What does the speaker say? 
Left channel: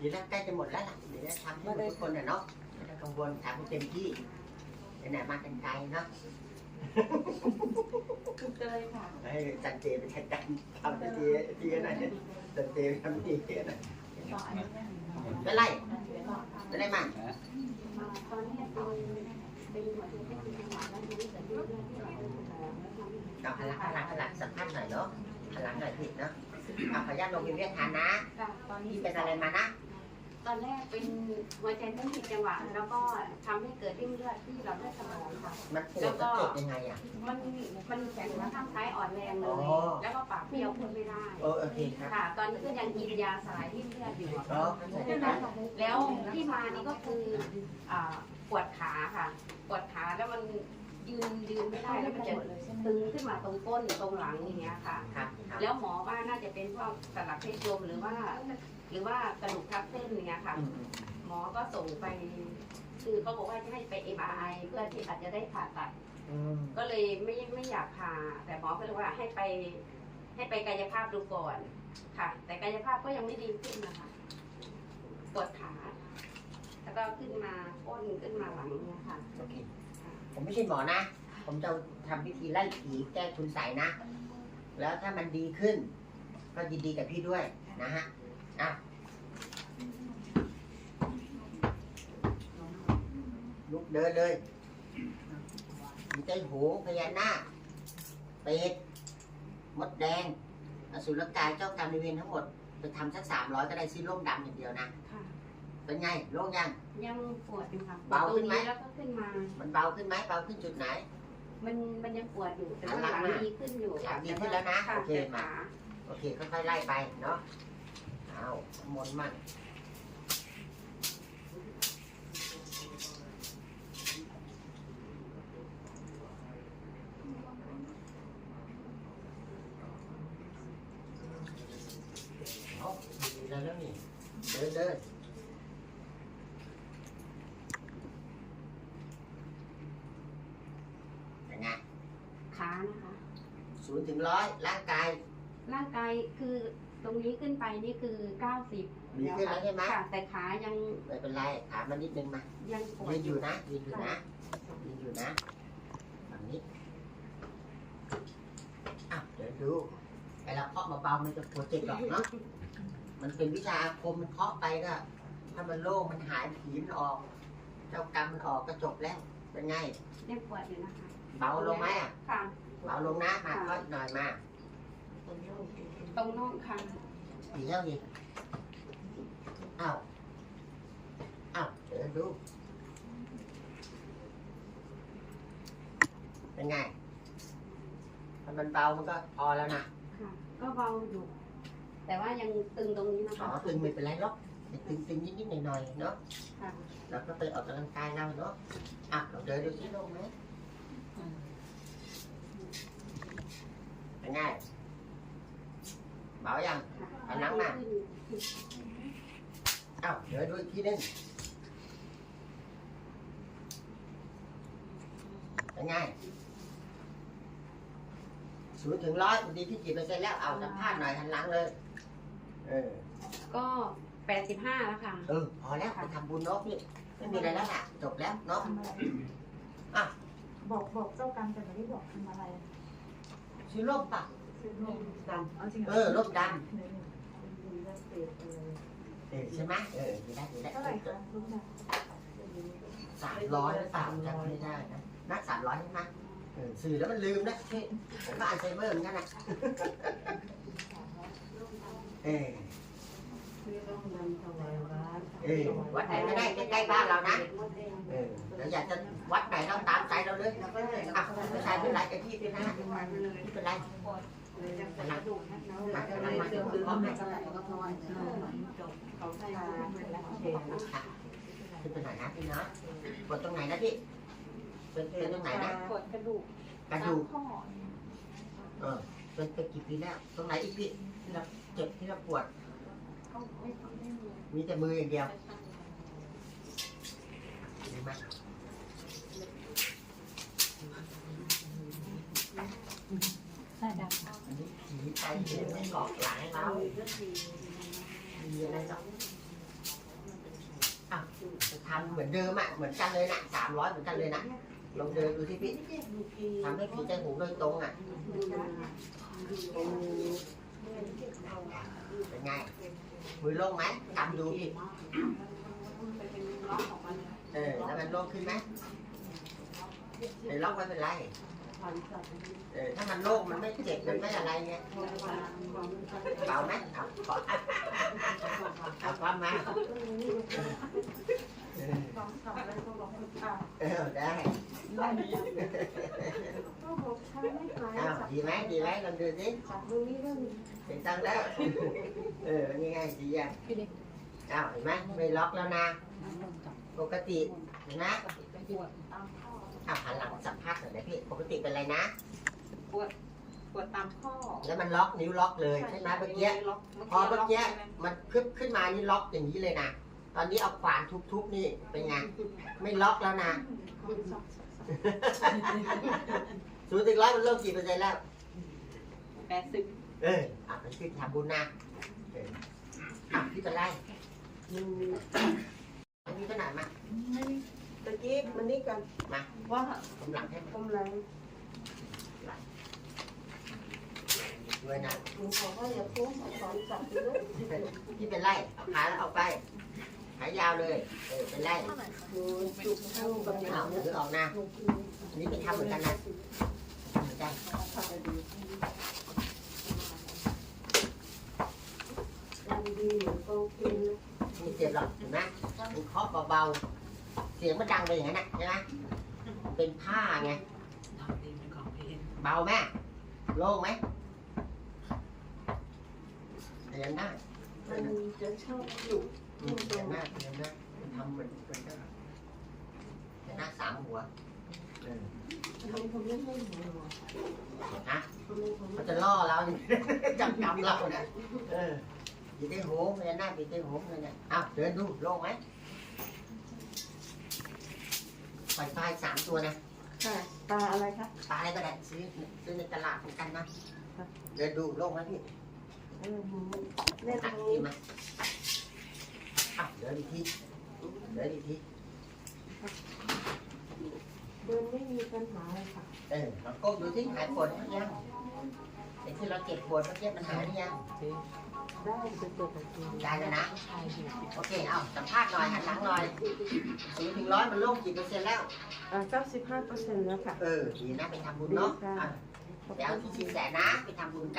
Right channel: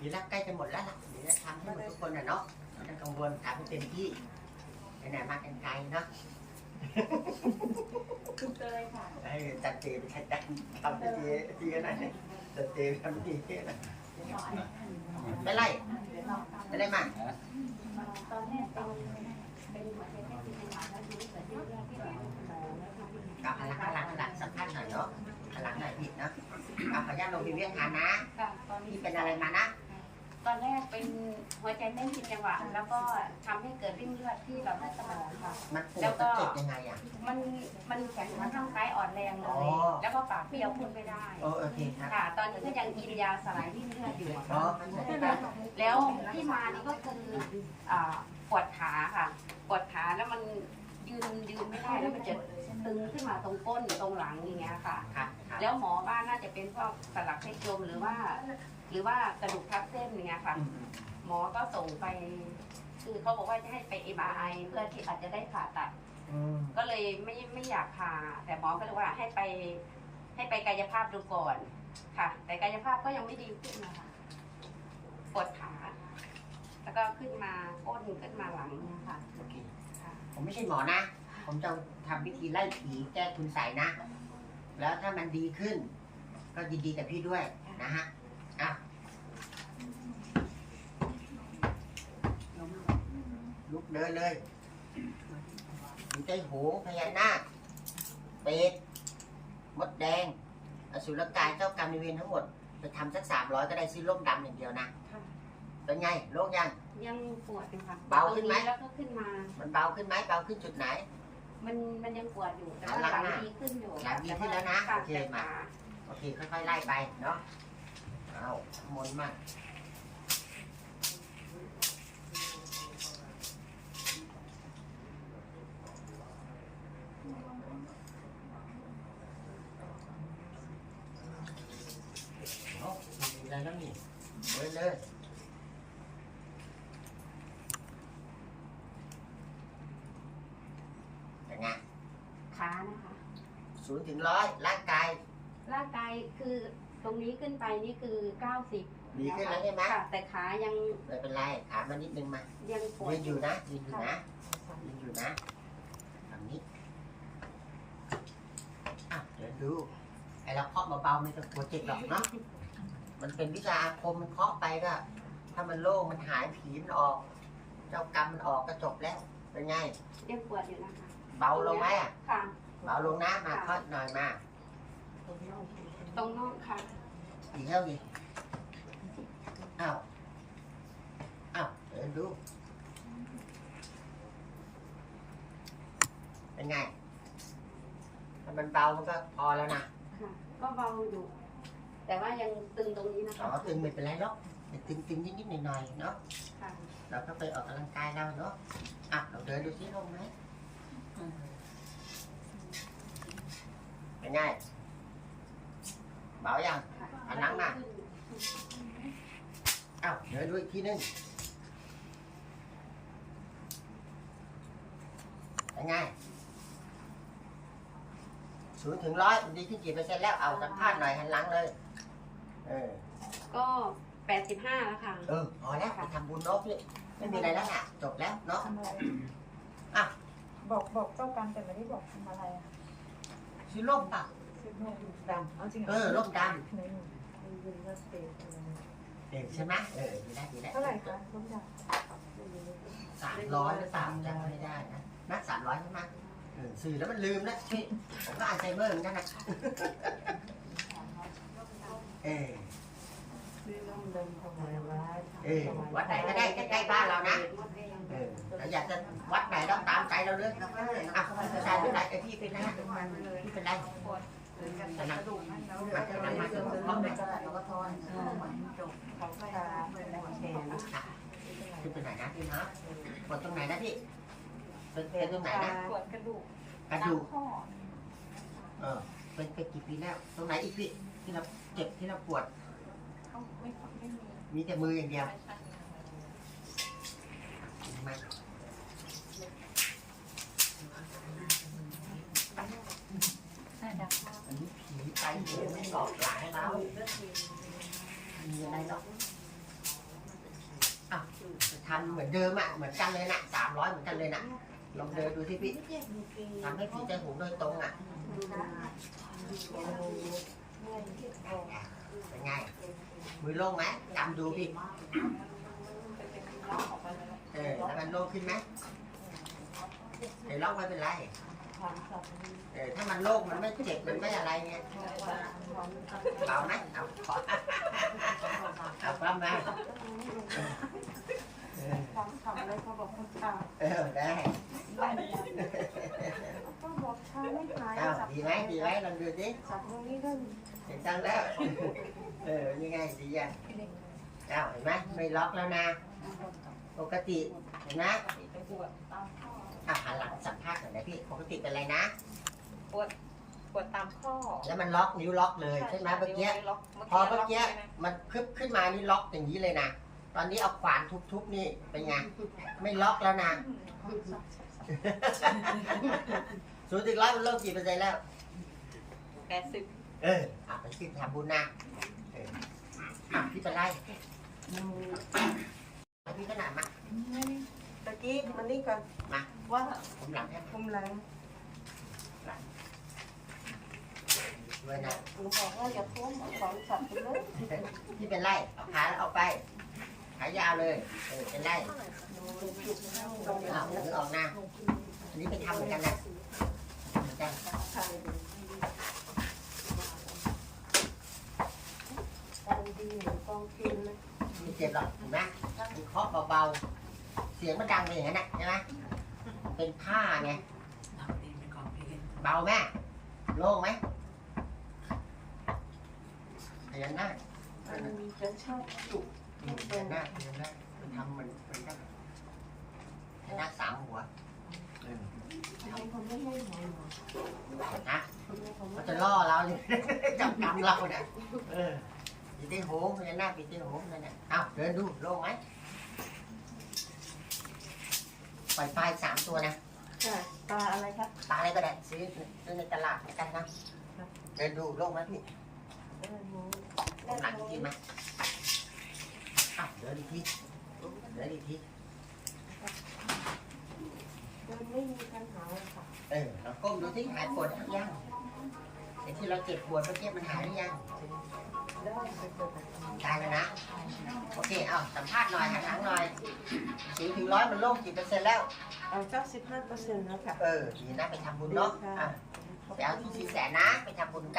ดีแล้วใกล้จะหมดแล้วล่ะเดี๋ยวจะทำให้หมดทุกคนนะเนาะไม่ต้องกังวลทำให้เต็มที่ไหนๆมากันไกลเนาะคุณเตยค่ะให้จัดเจไปจัดการทำพิธีที่กันหน่อยจัดเจไปทำพิธีกันหน่อยไม่ไล่ไม่ได้มาตอนแรกตอนเป็นหัวใจแค่ที่หลังแล้วทีนี้เกิดเรื่องที่เราเป็นไปแล้วนะคะเอาหันหลังหันหลังหันหลังสัมภาษณ์หน่อยเนาะหันหลังหน่อยผิดเนาะเอาขออนุญาตลงพิมพ์เวียนทานนะค่ะตอนนี้พี่เป็นอะไรมานะ ตอนแรกเป็นหัวใจเต้นผิดจังหวะแล้วก็ทำให้เกิดริ่มเลือดที่หลอดเลือดสมองค่ะ มันปวดมันเจ็บยังไงอะ มันมันแขนขาข้างซ้ายอ่อนแรงเลอ๋ย อ แล้วก็ปากเปรี้ยวพูดไม่ได้โอโอเคครับค่ะ ตอนนี้ก็ยังกินยาสลายริ่มเลือดอยู่อ๋อมันใส่ได้แล้วที่มานี่ก็คืออ่าปวดขาค่ะ ปวดขาแล้วมัน ยืนยืนไม่ได้แล้วมันจะตึงขึ้นมาตรงก้นตรงหลังอย่างเงี้ยค่ะครับครับแล้วหมอว่าน่าจะเป็นพวกสลักเพชรโยมหรือว่า หรือว่ากระดูกทับเส้นอย่างเงี้ยค่ะ อืมหมอก็ส่งไป คือเขาบอกว่าจะให้ไป MRI เพื่อที่อาจจะได้ผ่าตัด อืมก็เลยไม่ไม่อยากผ่าแต่หมอก็เลยว่าให้ไป ให้ไปกายภาพดูก่อนค่ะ แต่กายภาพก็ยังไม่ดีขึ้นนะคะปวดขาแล้วก็ขึ้นมาก้นขึ้นมาหลังเนี่ยค่ะโอเคค่ะผม ไม่ใช่หมอนะ ผมจะทำพิธีไล่ผีแก้คุณใส่นะ แล้วถ้ามันดีขึ้น ก็ยินดีกับพี่ด้วยนะฮะอะลุกเดินเลยมีไต้หงพญานาคเป็ดมดแดง อสุรกายเจ้ากรรมนายเวรทั้งหมด ไปทำสักสามร้อยก็ได้ซื้อล่มดำอย่างเดียวนะ ค่ะ เป็นไงโล่งยัง ยังปวดอยู่ค่ะเบาขึ้นไหม ตรงแล้วก็ขึ้นมา มันเบาขึ้นไหมเบาขึ้นจุดไหน มันมันยังปวดอยู่แต่ว่าหลัหลังงหน้าดีขึ้นอยู่หลังดีขึ้นแล้วนะค่ะโอเคแต่มาขาโอเคค่อยๆไล่ไปเนาะเอามนต์มั่งเอามีอะไรแล้วนี่เดินเลยเป็นไง ขานะคะ ศูนย์ถึงร้อยร่างกาย ร่างกายคือตรงนี้ขึ้นไปนี่คือ 90ดีขึ้นแล้วใช่ไหม ค่ะแต่ขายังไม่เป็นไรขามานิดนึงมายังปวยืดนอยู่นะยืนอยู่นะยืนอยู่นะแบบนี้อะเดี๋ยวดูไอ้เราเคาะเบาๆไม่ต้องกลัวเจ็บหรอกเนาะมันเป็นวิชาอาคมมันเคาะไปก็ ถ้ามันโล่งมันหายผีมันออก เจ้ากรรมมันออกก็จบแล้วเป็นไง ยังปวดอยู่นะคะเบาลงไหมอะค่ะ เบาลงนะมาเคาะอีกหน่อยมาตรงน่องค่ะอีกแล้วดิอ้าวอ้าวเดี๋ยวดูเป็นไงถ้ามันเบามันก็พอแล้วนะค่ะ ก็เบาอยู่ แต่ว่ายังตึงตรงนี้นะอ๋อคะตึงไม่เป็นไรหรอกแต่ตึงตึงนิดนิดหน่อยหน่อยๆเนาะค่ะ เราก็ไปออกกำลังกายเราเนาะอะเราเดินดูสิลงไหม เป็นไงเบายังค่ะอันหลังมาอ้าวเดี๋ยวดูอีกทีนึงเป็นไงศูนย์ถึงร้อยดีขึ้นกี่เปอร์เซ็นต์แล้วเอาสัมภาษณ์หน่อยหันหลังเลย เออ ก็85แล้วค่ะ เออพอแล้วไปทำบุญเนาะพี่ไม่มีอะไรแล้วน่ะ จบแล้วเนาะทำอะไรอะบอกบอกเจ้ากรรมแต่ไม่ได้บอกทำอะไรอะ ซื้อร่มป่ะซื้อร่มดำเอาจริงหรเออร่มดหนึ่งเป็นเรื่องเปรตอะไรำเออใช่ไหมเออดีได้ดีได้เท่าไหร่คะลูกชายสามร้อยหรือเปล่าจำไม่ได้นะนักสามร้อยใช่ไหมเออสื่อแล้วมันลืมนะพี่ผมก็อัลไซเมอร์เหมือนกันนะเออซื้อร่มดำถวายวัดเออวัดไหนก็ได้ใกล้ๆบ้านเรานะ เออเราอยากจะวัดไหนเราตามใจเราเลยอะผู้ชายผู้ชายกับพี่เป็นนะฮะไม่เป็นไรแต่นั่งมาแต่นั่งมาเดี๋ยวพร้อมไหมเราก็ทอนจบเขาตาและเชนขึ้นไปไหนนะพี่นะปวดตรงไหนนะพี่เป็นเป็นตรงไหนนะปวดกระดูกกระตาดูมกข้อเออเป็นไปกี่ปีแล้วตรงไหนอีกพี่ที่เราเจ็บที่เราปวดไม่ไม่มีมีแต่มืออย่างเดียวเห็นไหม อันนี้ผีไปเห็นมันเกาะหลังเราไม่มีอะไรหรอกทำเหมือนเดิมอะ เหมือนกันเลยนะสามร้อยเหมือนกันเลยนะลองเดินดูที่พี่ทำให้ผีใจหูโดยตรงอะ เป็นไง มือโล่งไหมกำดูพี่ เออแล้วมันโล่งขึ้นไหมเดี๋ยวล็อกไม่เป็นไร เออถ้ามันโล่งมันไม่เจ็บมันไม่อะไรเงี้ยเบาไหมเอาขอเอาความมาเออฟังทำอะไรเขาบอกเขาทเออได้ำก็บอกทำไม่หายอ้าวดีไหมดีไหมลองดูสิจับตรงนี้ก็มีเห็นตั้งแล้ว เออยังไงดีอะอ้าวเห็นไหมไม่ล็อกแล้วนะ ปกติเห็นไหมอ้าวหันหลังสัมภาษณ์หน่อยนะพี่ ปกติเป็นอะไรนะปวดตามข้อ แล้วมันล็อกนิ้วล็อกเลยใช่ไหมเมื่อกี้ ล็อกพอเมื่อกี้มันพึบขึ้นมานี่ล็อกอย่างนี้เลยนะ ตอนนี้เอาขวานทุบๆนี่เป็นไง ไม่ล็อกแล้วนะ ศูนย์ถึงร้อยมันโลกกี่เปอร์เซ็นต์แล้ว แปดสิบเอออะไปขึ้นทำบุญนะเอออะพี่เป็นไร ดูมีขนาดมาตะกี้มันนี่ก่อนมาว่าผมหลังให้มาผมแรงด้วยนะคุณบอกว่าอย่าพุ่งขอจับไปเลยพี่เป็นไรเอาขาเอาไปขายาวเลยเออเป็นไรดูจุดข้างตรงนี้เอาหรือออกนะอันนี้ไปทำเหมือนกันนะทำเหมือนกันตรงดีเหมือนตรงพิมพ์เลย ไม่เจ็บหรอกเห็นไหมมันเคาะเบาๆ เสียงมันดังไปอย่างนั้นนะใช่ไหมมันเป็นผ้าไงเบาไหมโล่งไหมเห็นหน้ามันจะชอบจุดอืมเห็นหน้าเห็นหน้ามันทำเหมือนเหมือนกันเห็นหน้าสามหัวเออทำคนไม่ให้หัวหนอนฮะทำไมเขาไม่มันจะล่อเราเนี่ยจับกำเราเนี่ยเออ ปีเต้โหงเห็นหน้าปีเต้โหงเลยเนี่ยเอ้าเดินดูโล่งไหมปล่อยไฟสามตัวนะค่ะตาอะไรคะปลาอะไรก็ได้ซื้อซื้อในตลาดเหมือนกันนะเดินดูโล่งไหมพี่เออหนูเล่เล่นนหตลัรงงทีนี้มาอ้าวเดินอีกทีเดินอีกทีเดินไม่มีปัญหาเลยค่ะเออเราก้มดูที่หายปวดหรือยังไอ้ที่เราเจ็บปวดเมื่อกี้มันหายหรือยัง ได้ไปเจอกันตรงนี้ได้แล้วนะ โอเค เอาสัมภาษณ์หน่อยหันหลังหน่อยศูนย์ถึงร้อยมันโล่งกี่เปอร์เซ็นต์แล้วอ่าเก้าสิบห้าเปอร์เซ็นต์แล้วค่ะ เออ ดีนะ ไปทำบุญเนาะอะไปเอาที่สินแสนะ ไปทำบุญใกล้